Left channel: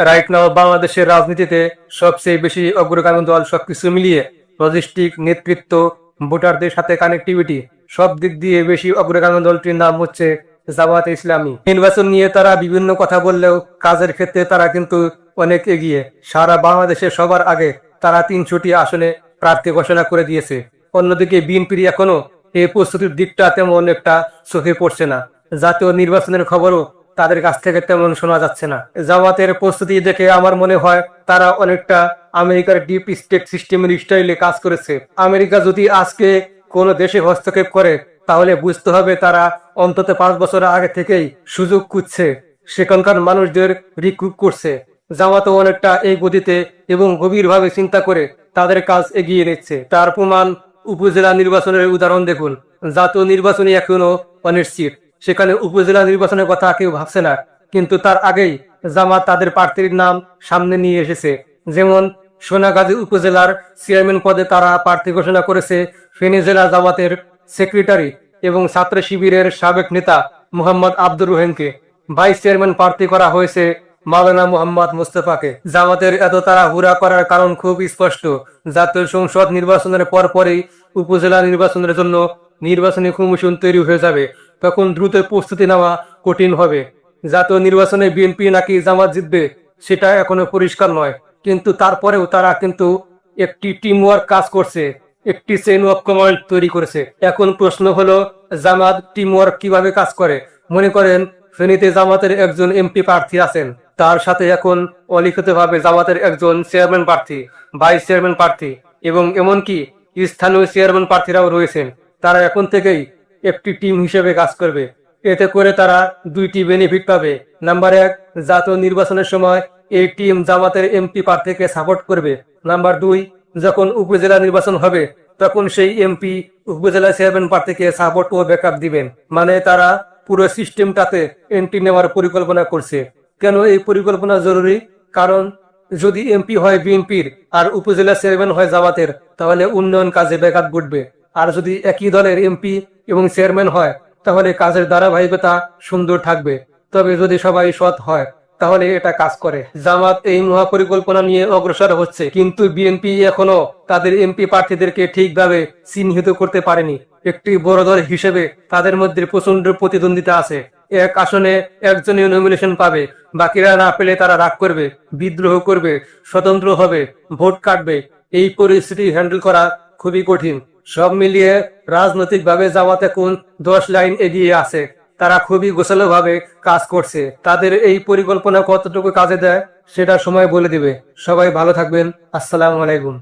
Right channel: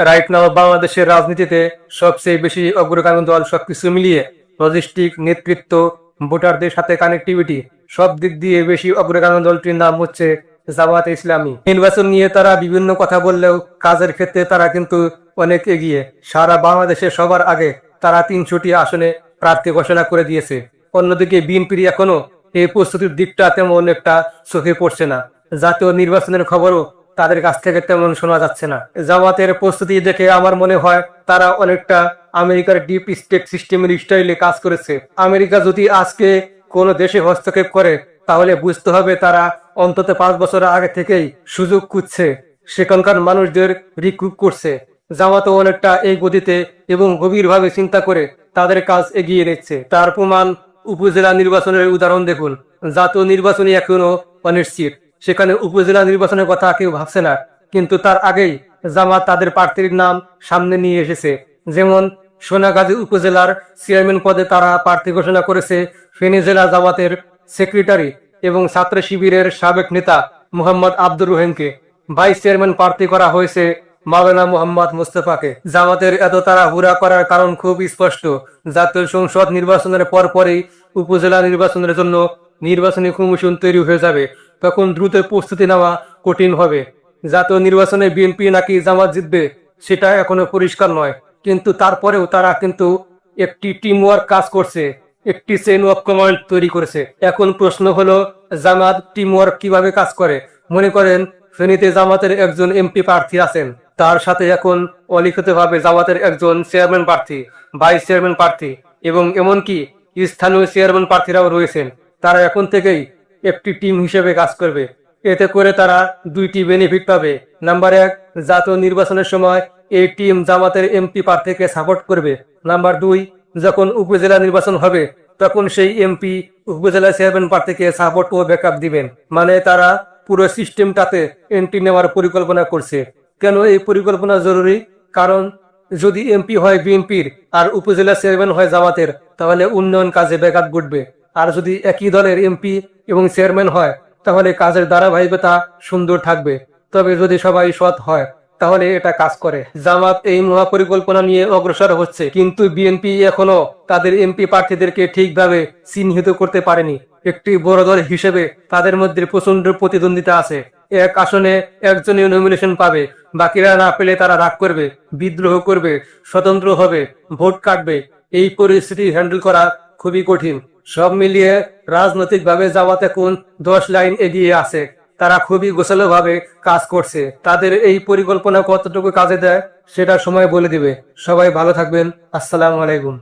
Right now বাংলাদেশের রাজনীতিতে সবচেয়ে বেশি অগ্রগামী দল সবকিছু মিলিয়ে লজিস্টিক নেতৃত্ব, ভোটারদের সাথে কানেক্টিভিটি সব দিক দিয়ে বেশি অগ্রগামী দলটির নাম হচ্ছে জামাত ইসলামী। নির্বাচন নিয়ে তারা বিভিন্ন কথা বললেও কাজের ক্ষেত্রে তারা কিন্তু অনেক এগিয়ে। সারা বাংলাদেশে সবার আগে তারা তিন তিনশোটি আসনে প্রার্থী ঘোষণা করে দিয়েছে। অন্যদিকে বিএনপির এখনও এই প্রস্তুতির দিকটা তেমন একটা চোখে পড়ছে না। জাতীয় নির্বাচনের খবরও তাদের কাছ থেকে তেমন শোনা যাচ্ছে না। জামাতের প্রস্তুতি দেখে আমার মনে হয় তারা অনেকটা আমেরিকার ডিপ স্টেট সিস্টেমের স্টাইলে কাজ করেছে। আমেরিকা যদি আজকে কোন দেশে হস্তক্ষেপ করে, তাহলে বুঝতে হবে তারা অন্তত পাঁচ বছর আগে থেকেই সুযোগ খুঁজছে। সেখানকার মানুষদের রিক্রুট করছে। জামাতে অনেকটা এই গতিতে এবং গভীরভাবে চিন্তা করে তাদের কাজ এগিয়ে দিচ্ছে তার প্রমাণ উপজেলা নির্বাচনের উদাহরণ দেখুন। জাতীয় নির্বাচনে এখনও অনিশ্চিত। সেখানে উপজেলা নির্বাচনের কথা কেউ ভাবছে না, কিন্তু তার আগেই জামাত তাদের প্রার্থীর নাম সামনে নিয়ে এসেছে। যেমন সোনাগাজী উপজেলার চেয়ারম্যান পদে তারা প্রার্থী ঘোষণা করেছে, ফেনী জেলা জামাতের সেক্রেটারি এবং ছাত্র শিবিরের সাবেক নেতা মোহাম্মদ আব্দুর রহিমকে। ভাইস চেয়ারম্যান প্রার্থী করা হয়েছে মাওলানা মোহাম্মদ মুস্তফাকে। জামাতের এত তারা হুরা করার কারণ খুব স্পষ্ট, জাতীয় সংসদ নির্বাচনের পর পরই উপজেলা নির্বাচনের জন্য নির্বাচনী কমিশন তৈরি হয়ে যাবে। তখন দ্রুত প্রস্তুতি নেওয়া কঠিন হবে। জাতীয় নির্বাচনে বিএনপি নাকি জামাত জিতবে, সেটা এখনও পরিষ্কার নয়। কিন্তু তারপরেও তারা কিন্তু একটি টিম ওয়ার্ক কাজ করছে, একটি চেইন অফ কমান্ড তৈরি করেছে। এখন প্রশ্ন হলো, জামাত টিম ওয়ার্ক কীভাবে কাজ করে? মনে করেন, ফেনীতে জামাতের একজন এমপি প্রার্থী আছেন। তার সাথে এখন অলিখিতভাবে জামাতের একজন চেয়ারম্যান প্রার্থী ভাইস চেয়ারম্যান প্রার্থী, এবং এমনকি স্থানীয় চেয়ারম্যান প্রার্থীরাও রয়েছেন। তারা এখন থেকেই একটি টিম হিসেবে কাজ করবে। এতে করে তারা দুইটি বেনিফিট পাবে। নাম্বার এক, জাতীয় নির্বাচনের সময় এই টিম জামাতের এমপি প্রার্থীকে সাপোর্ট করবে। নাম্বার দুই, যখন উপজেলা নির্বাচন হবে, তখন সেই এমপি উপজেলা চেয়ারম্যান প্রার্থীকে সাপোর্ট ও ব্যাকআপ দিবেন। মানে তারা পুরো সিস্টেমটাতে এন্ট্রি নেওয়ার পরিকল্পনা করছে। কেন এই পরিকল্পনা জরুরি? কারণ যদি এমপি হয় বিএনপির আর উপজেলা চেয়ারম্যান হয় জামাতের, তাহলে উন্নয়ন কাজে ব্যাঘাত ঘটবে। আর যদি একই দলের এমপি এবং চেয়ারম্যান হয়, তাহলে কাজের ধারাবাহিকতা সুন্দর থাকবে। তবে যদি সবাই সৎ হয়, তাহলে এটা কাজ করে। জামাত এই মহাপরিকল্পনা নিয়ে অগ্রসর হচ্ছে, কিন্তু বিএনপি এখনও তাদের এমপি প্রার্থীদেরকে ঠিকভাবে চিহ্নিত করতে পারেনি। একটি বড় দল হিসেবে তাদের মধ্যে প্রচণ্ড প্রতিদ্বন্দ্বিতা আছে। এক আসনে একজনই নমিনেশন পাবে, বাকিরা না পেলে তারা রাগ করবে, বিদ্রোহ করবে, স্বতন্ত্র হবে, ভোট কাটবে। এই পরিস্থিতি হ্যান্ডেল করা খুবই কঠিন। সব মিলিয়ে রাজনৈতিক ভাবে জামাত এখন দশ লাইন এগিয়ে আছে, তারা খুবই গোছালো ভাবে কাজ করছে। তাদের এই পরিকল্পনা কতটুকু কাজে দেয় সেটা সময় বলে দেবে। সবাই ভালো থাকবেন। আসসালাম আলাইকুম।